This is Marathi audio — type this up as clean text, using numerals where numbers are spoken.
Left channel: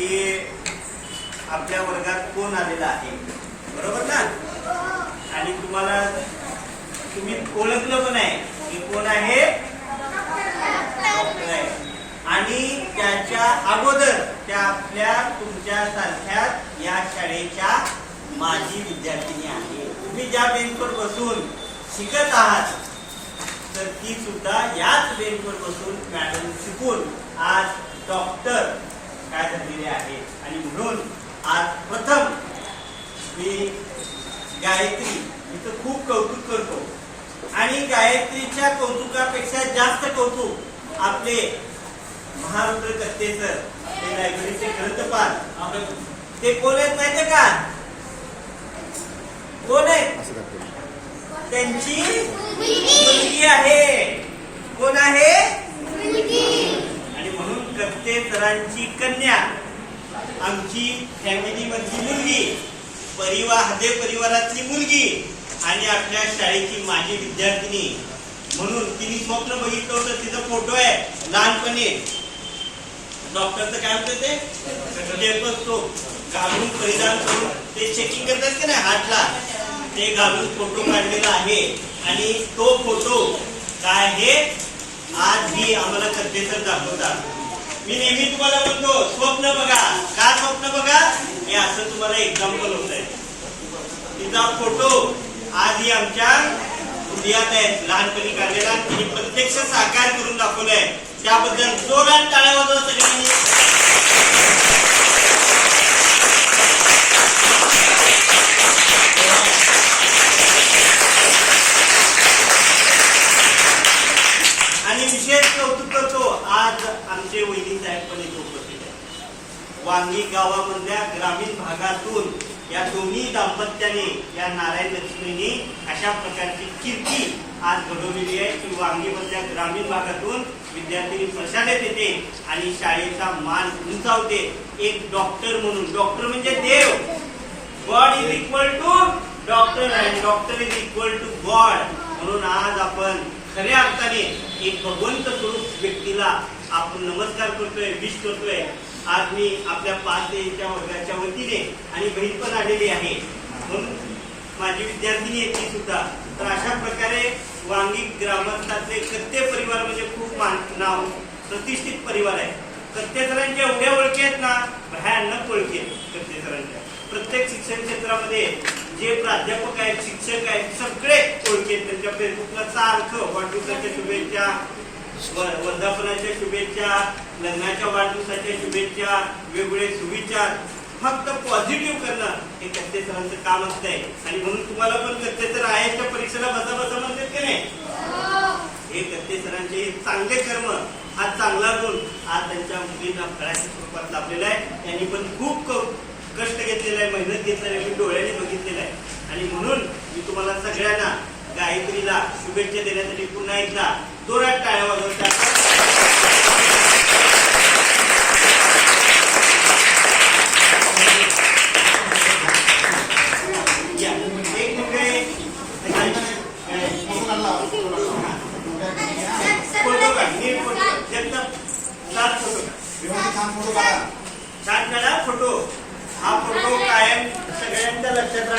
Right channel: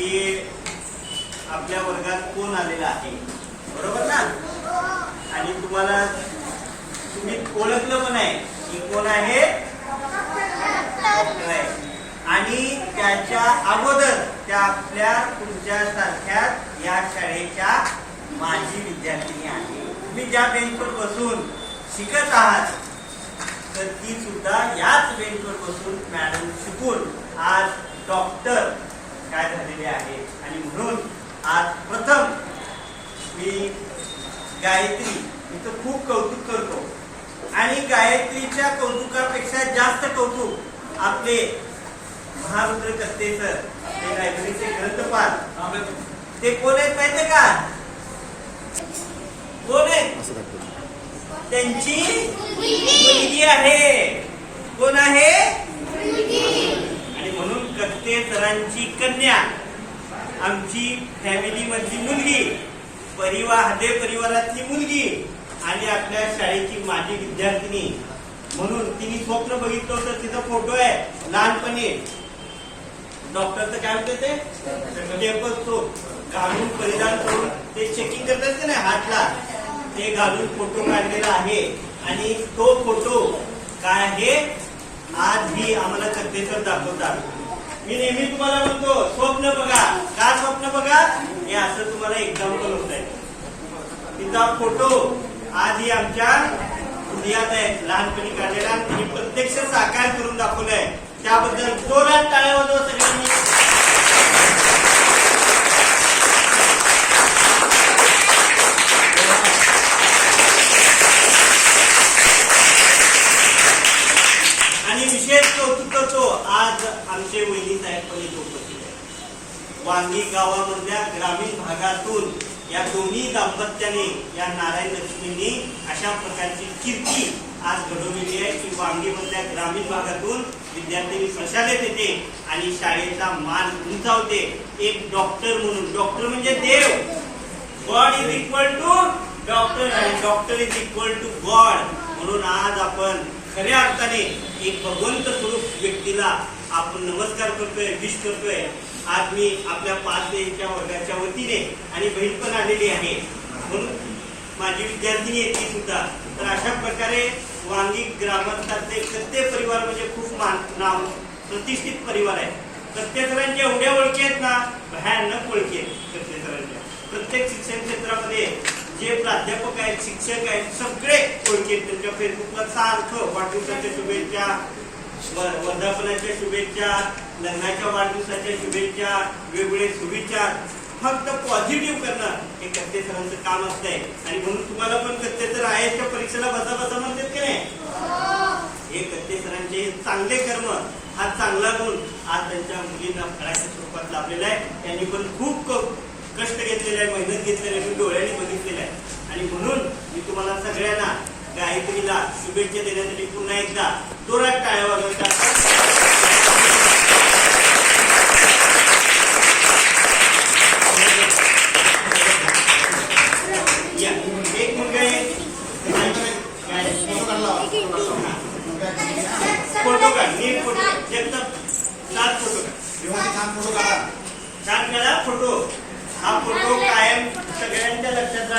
की आपल्या वर्गात कोण आलेला आहे, बरोबर ना? आणि तुम्ही ओळखलं पण आहे की कोण आहे, डॉक्टर आहे. आणि त्याच्या अगोदर त्या आपल्या तुमच्या सारख्या या शाळेच्या माजी विद्यार्थिनी आहे. तुम्ही ज्या बेंचवर बसून शिकत आहात तर ती सुद्धा याच बेंचवर बसून मॅडम शिकून आज डॉक्टर काय झालेले आहे. आणि म्हणून आज प्रथम मी गायत्री इथं खूप कौतुक करतो. आणि गायत्रीच्या कौतुकापेक्षा जास्त कौतुक आपले महारुद्र कत्ते सर, ते लायब्ररीचे ग्रंथपाल, ते कोण आहेत माहितीये का? कोण आहेत? त्यांची मुलगी आहे. कोण आहे? आणि म्हणून कत्ते सरांची कन्या, आमची फॅमिली मधली मुलगी, हदे परिवारातली मुलगी आणि आपल्या शाळेची माजी विद्यार्थिनी. म्हणून तिने स्वप्न बघितलं होतं, तिचा फोटो आहे लहानपणी डॉक्टरचं काय होतं ते स्टेथोस्कोप घालून परिधान करून ते चेकिंग करतात की नाही हातला, ते घालून फोटो काढलेला आहे. आणि तो फोटो काय आहे आज ही आम्हाला कत्ते सर दाखवतात. मी नेहमी तुम्हाला म्हणतो स्वप्न बघा. का स्वप्न बघा? हे असं तुम्हाला एक्झाम्पल होत आहे. तिचा फोटो आज ही आमच्या हृदयात आहे, लहानपणी काढलेला, आणि प्रत्यक्ष साकार करून दाखवलाय. त्याबद्दल जोरात टाळ्या वाजवा सगळ्यांनी. आणि विशेष कौतुक करतो आज आमचे वहिनी साहेब पण इथे उपस्थित आहेत. वांगी गावामधल्या ग्रामीण भागातून या दोन्ही दाम्पत्याने, या नारायण लक्ष्मींनी अशा प्रकारची कीर्ती आज घडवलेली आहे की वांगीमधल्या ग्रामीण भागातून विद्यार्थी प्रशालेत येते आणि शाळेचा मान उंचावते. एक डॉक्टर म्हणून, डॉक्टर म्हणजे देव, God is equal to doctor आणि doctor is equal to God. म्हणून आज आपण खऱ्या अर्थाने एक भगवंत स्वरूप व्यक्तीला आपण नमस्कार करतोय, विश करतोय. आज मी आपल्या 5 वर्गाच्या वतीने, आणि बहीण पण आलेली आहे म्हणून माझी विद्यार्थिनी आहे ती सुद्धा. तर अशा प्रकारे वांगी ग्रामस्थांचे कत्ते परिवार म्हणजे खूप नाव प्रतिष्ठित परिवार आहे. कत्ते सरांच्या एवढ्या ओळखी आहेत ना, भयानक ओळखी आहेत कत्ते सरांच्या. प्रत्येक शिक्षण क्षेत्रामध्ये जे प्राध्यापक आहेत, शिक्षक आहेत, सगळे ओळखी आहेत. त्यांच्या फेसबुकला सारखं वाढदिवसाच्या शुभेच्छा, वर्धापनाच्या शुभेच्छा, लग्नाच्या वाढदिवसाच्या शुभेच्छा, वेगवेगळे सुविचार, फक्त पॉझिटिव्ह करणं हे कत्ते सरांचं काम असतंय. आणि म्हणून तुम्हाला पण कत्ते सर आयच्या परीक्षेला बसा म्हणतात की नाही, हे कत्ते सरांचे चांगले कर्म, हा चांगला गुण आज त्यांच्या मुलींना फळाच्या स्वरूपात लाभलेला आहे. त्यांनी पण खूप कष्ट घेतलेलं आहे, मेहनत घेतलेली आहे, मी डोळ्याने बघितलेलं आहे. आणि म्हणून मी तुम्हाला सगळ्यांना गायत्रीला शुभेच्छा देण्यासाठी पुन्हा एकदा जोरात टाळ्या वाजवतात. एक मिनिट फोटो काढ, नीट फोटो, एकदम छान फोटो काढ, छान काढा फोटो. हा फोटो कायम सगळ्यांच्या लक्षात राहतो.